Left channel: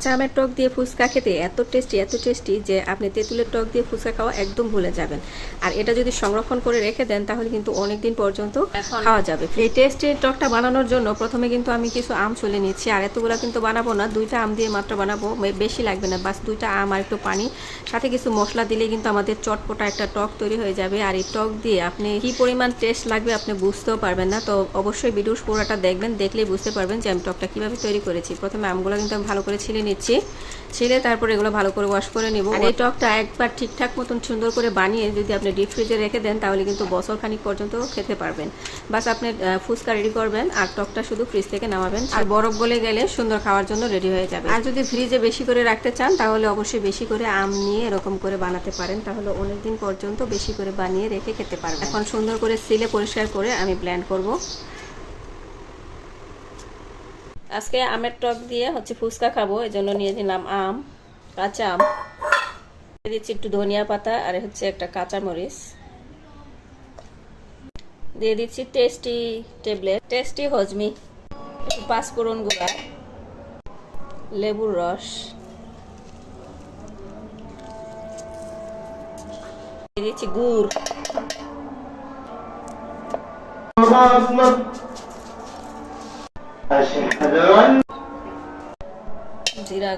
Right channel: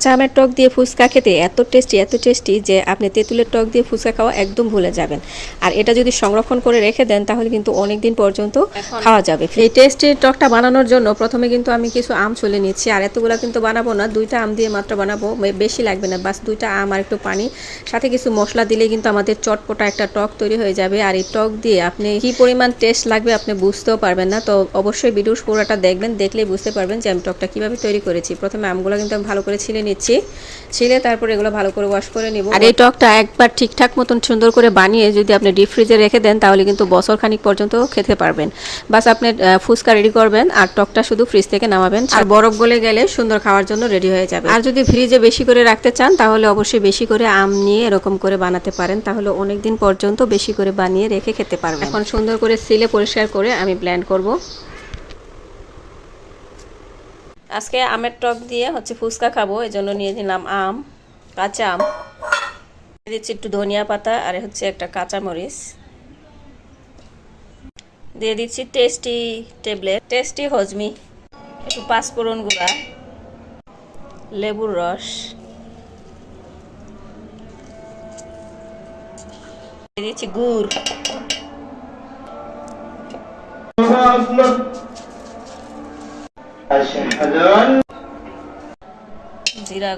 কাঁচা আমের টক দিয়ে ফুচকা খেতে এত টেস্টি যে আপনি তেঁতুলের টক দিয়ে ফুচকা খাওয়া একদম ভুলে যাবেন। আর এটা যদি সংরক্ষণ করে রেখে দেন তাহলে কিন্তু অনেক দিন পর্যন্ত খাওয়া যাবে। এই টেস্টি টকটা বানানোর জন্য প্রথমে কিন্তু আমি কিছু আম ছুলে নিচ্ছি। আর এতগুলো কিন্তু বানাবো না, 2টা আম দিয়ে মাত্র বানাবো, বেশি লাগবে না, বাস 2টা আম আর একটু পানি, সাথে কিছু মশলা দিলে কিন্তু আমাদের চটপটা একটা টক তৈরি হয়ে যাবে। আর এই টক দিয়ে আপনি কি পরিমাণ টেস্ট লাগবে আপনি বুঝতেও পারবেন না। তো অবশ্যই ভিডিওর পুরোটা দেখবেন, দেখলেই বুঝতে পারবেন যে আমি টকটা কীভাবে তৈরি করেছি। প্রথমে আমগুলো কিন্তু আমি ভালো করে ছিলে নিচ্ছি, ছিলে তারপরে এগুলো ভালো করে ওয়াশ করে নিব। আর এই টকটা একবার ঠিকঠাক মতন সুন্দর করে বানিয়ে যদি আপনি ডিপ ফ্রিজে রেখে দেন তাহলে কিন্তু বছর খানিক পর্যন্ত খেতে পারবেন। বাস আপনি ফুচকা রেডি করবেন আর টকটা শুধু ফ্রিজ থেকে নামাবেন, আর বরফ গলে গেলে সুন্দর খাওয়ার জন্য রেডি হয়ে যাবে। আর যদি ফ্রিজে বেশি করে রাখতে চান তাহলে অবশ্যই বেশি করে আম নিয়ে এরকম করে বানাতে পারেন, তাহলে অনেক দিন পর্যন্ত বেশি করে বানিয়ে রেখে খেতে পারবেন। এখন সুন্দর করে সিলে পরিষ্কার করে আমি ব্লেন্ড করব। আজকে আমের টক দিয়ে ফুচকা খাবো, এজন্য নিয়ে নিলাম আম, কাঁচা আম, দিয়ে দিচ্ছি একটু ধনিয়া পাতা, আর একটা কাঁচা মরিচ, দিয়ে দিচ্ছি টেস্টি ট্যাবলেট, টেস্টি হজমি, একটু পাঁচফোড়ন গুঁড়া, লেবুর রস, দিয়ে দিচ্ছি গুড়, জিরা